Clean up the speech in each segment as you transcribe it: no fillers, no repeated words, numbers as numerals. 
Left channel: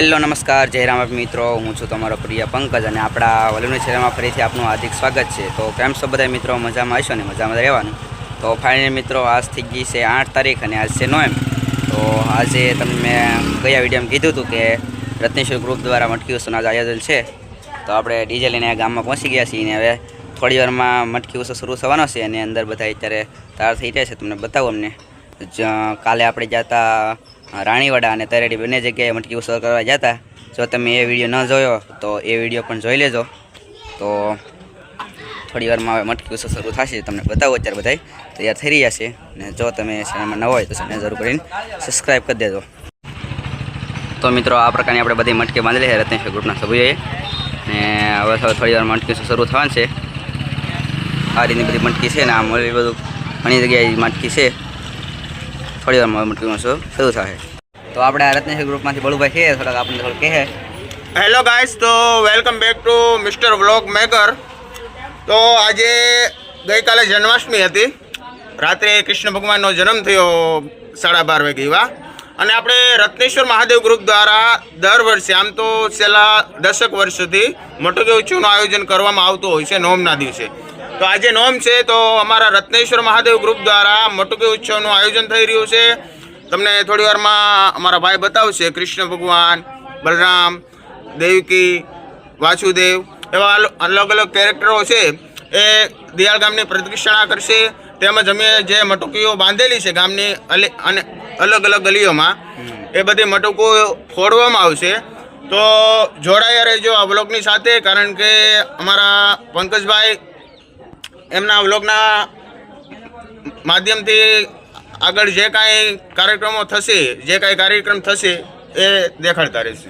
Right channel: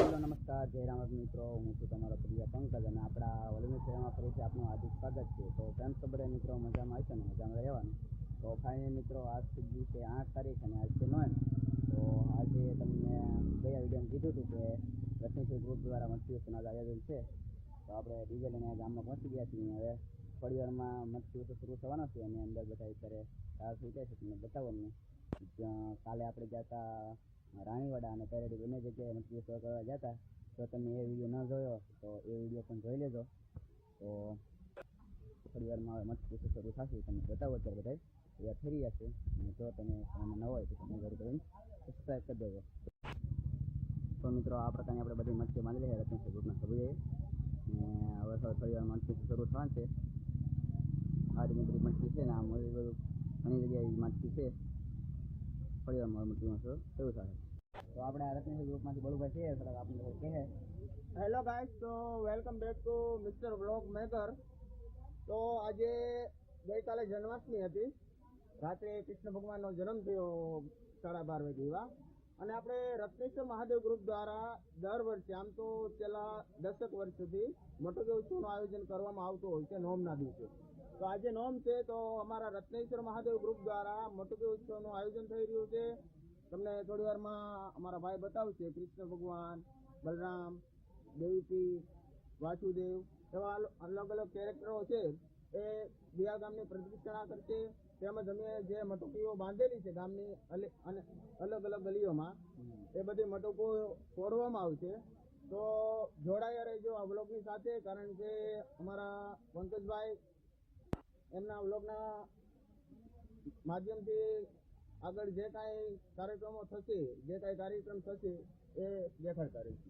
Hello નમસ્કાર જય રામ મિત્રો, હું છું તમારો પ્રિય પંકજ અને આપણા વલુની ચેનલમાં ફરીથી આપનું હાર્દિક સ્વાગત છે. તો કેમ છો બધા મિત્રો? મજામાં આવશો ને? મજામાં રહેવાનું. તો ફાઇનલી મિત્રો, આજ થઈ ગઈ છે 8 તારીખ અને આજ છે 9. તો આજે તમને મેં ગયા વિડીયોમાં કીધું હતું કે રત્નેશ્વર ગ્રુપ દ્વારા મટકી ઉત્સવનું આજે આયોજન છે. તો આપણે ડીજે લઈને ગામમાં પહોંચી ગયા છીએ અને હવે થોડી વારમાં મટકી ઉત્સવ શરૂ થવાનો છે અને અંદર બધા અત્યારે તૈયાર થઈ રહ્યા છે. તમને બતાવું અમને. કાલે આપણે જતા રાણીવાડા અને તરેડી બંને જગ્યાએ મટકી ઉત્સવ કરવા જતા. જો તમે એ વિડીયો ન જોયો તો એ વિડીયો પણ જોઈ લેજો. તો થોડી વારમાં હવે મટકી ઉત્સવ શરૂ થશે. તમને બતાવો અત્યારે બધા તૈયાર થઈ રહ્યા છે. અને જો તમે ચેનલમાં ન હોય તો ચેનલ જરૂર કરીને સબસ્ક્રાઈબ કરી દેજો. તો મિત્રો, આ પ્રકારની આપણે બધી મટકી બાંધેલી છે રત્નેશ્વર ગ્રુપના સભ્યોએ. ને હવે થોડી વાર મટકી ઉત્સવ શરૂ થવાનું છે. આ રીતની બધી મટકી છે ને આમ બધું ઘણી જગ્યાએ મટકી છે. થોડી વારમાં મટકી ઉત્સવ શરૂ થશે. તો આપણે આ રત્નેશ્વર ગ્રુપમાંથી બળુભાઈ છે, થોડાક આપણને થોડું કહે. હેલો ગાઈસ, તો welcome back to mister vlog maker. તો આજે ગઈકાલે જન્માષ્ટમી હતી. રાત્રે કૃષ્ણ ભગવાનનો જન્મ થયો 12:30 વાગે એવા. અને આપણે રત્નેશ્વર મહાદેવ ગ્રુપ દ્વારા દર વર્ષે, આમ તો છેલ્લા 10 વર્ષથી મટકી ઉત્સવનું આયોજન કરવામાં આવતું હોય છે નોમના દિવસે. તો આજે નોમ છે, તો અમારા રત્નેશ્વર મહાદેવ ગ્રુપ દ્વારા મટકી ઉત્સવનું આયોજન થઈ રહ્યું છે. તમને થોડી વારમાં અમારા ભાઈ બતાવશે. કૃષ્ણ ભગવાન, બલરામ, દેવકી, વાસુદેવ એવા અલગ અલગ કેરેક્ટરો છે એ દિયાળ ગામની પ્રદક્ષિણા કરશે. તેમજ અમે જે મટકીઓ બાંધેલી છે ગામની અને અલગ અલગ ગલીઓમાં, એ બધી મટકો ફોડવામાં આવશે. તો જોડાયા રહેજો આ વ્લોગની સાથે, કારણ કે અમારા પંકજભાઈ એમના વ્લોગના માધ્યમથી આગળ જે કાંઈ કાર્યક્રમો થશે, જે કાંઈ કાર્યક્રમ થશે એ દેખાડતા રહેશે.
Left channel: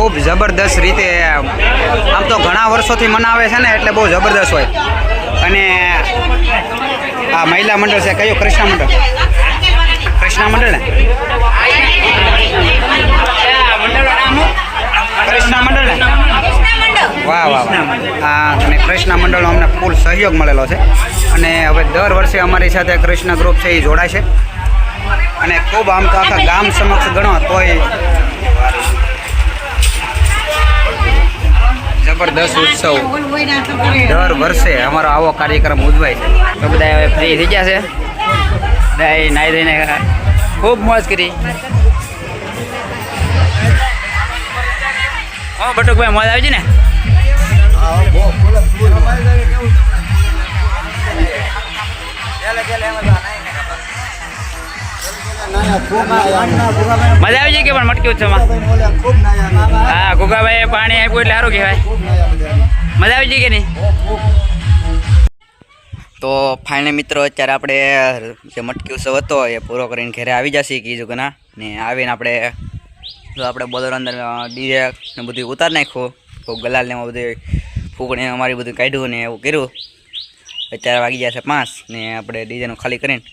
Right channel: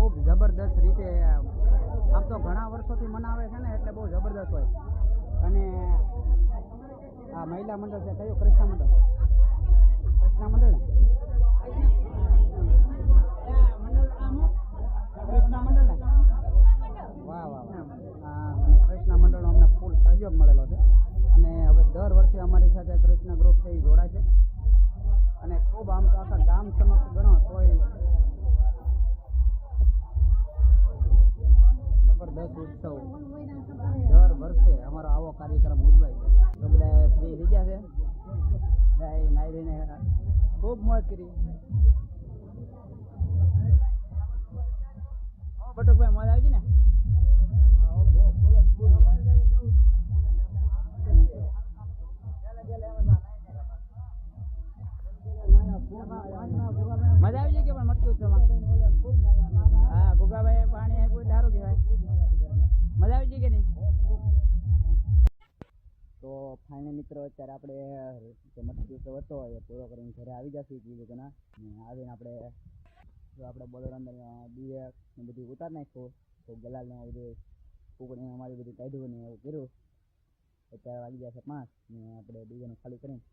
ખૂબ જબરદસ્ત રીતે આમ તો ઘણા વર્ષોથી મનાવે છે ને એટલે બહુ જબરદસ્ત હોય. અને આ મહિલા મંડળ છે કયું? કૃષ્ણ મંડળ. કૃષ્ણ મંડળ ને કૃષ્ણ મંડળ ને વાહ વાહ વાહ. હા, અને કૃષ્ણ મંડળનો અમને ફૂલ સહયોગ મળેલો છે. અને હવે દર વર્ષે અમારી સાથે કૃષ્ણ ગ્રુપ છે એ જોડાય છે. અને ખૂબ આમ તો આખા ગામ સમક્ષ ગણો તોય જબરદસ્ત ઉત્સવ દર વર્ષે અમારો આવો કાર્યક્રમ ઉજવાય છે. તો બધા હવે ફ્રી થઈ ગયા છે. બધા નાહી ધોઈને ખૂબ મોજ કરી. હા બટુકભાઈ, મોજ આવી છે ને? મજા આવી જાય કે પણ મટકી ઉત્સવમાં? હા, ગુગાભાઈ પાણી આપ્યું એટલે સારું કહેવાય. મજા આવી જાય કે નહીં? તો ફાઇનલ મિત્રો અત્યારે આપણે જે મટકી ઉત્સવ હતો એ પૂરો કરીને ઘરે આવી જશે કીધું કે ના. ને આવીને આપણે બોલર અંદર ડીજે ને બધું ઉતારી નાખ્યું. તો ગલાલ ને એમાં બધું ફૂકણી અમારી બધું કાઢ્યું ને એવું કર્યું. અત્યારે વાગી ગયા છે 5 ને આપણે ડીજેનું ખાલી કરીને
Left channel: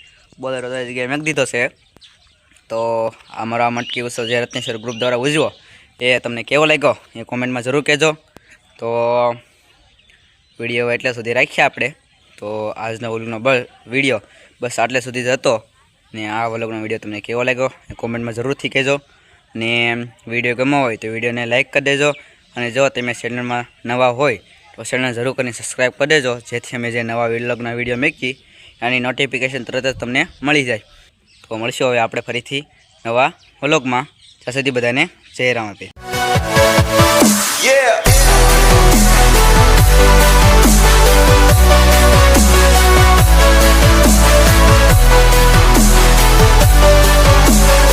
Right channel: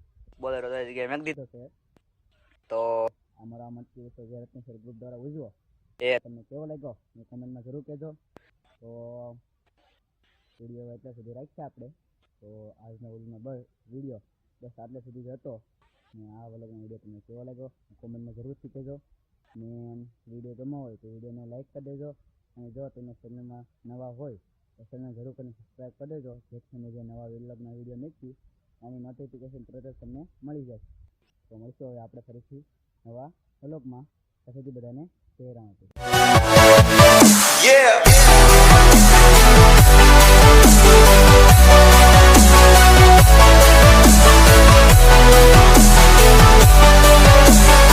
બોલર જગ્યાએ મેક દીધો છે. તો અમારો આ મટકી ઉત્સવ જે રત્નેશ્વર ગ્રુપ દ્વારા ઉજવો એ તમને કેવો લાગ્યો એ કોમેન્ટમાં જરૂર કહેજો. તો વિડીયો એટલે સુધી રાખ્યા આપણે. તો આજનો વ્લોગનો વિડીયો બસ આટલે સુધી જ હતો. ને આ વ્લોગનો વિડીયો તમને કેવો લાગ્યો એ કોમેન્ટમાં જરૂરથી કહેજો. ને વિડીયો ગમ્યો હોય તો વિડીયોને લાઇક કરી દેજો. અને જો તમે ચેનલમાં નવા હોય તો ચેનલ જરૂર કરીને સબસ્ક્રાઈબ કરી દેજો, જેથી અમે જે નવા વ્લોગના વિડીયો મૂકી એની નોટિફિકેશન તરત જ તમને મળી જાય. તો મળશું હવે આપણે ફરીથી નવા વ્લોગમાં. ત્યાં સુધી બધાને જય રામ આપે.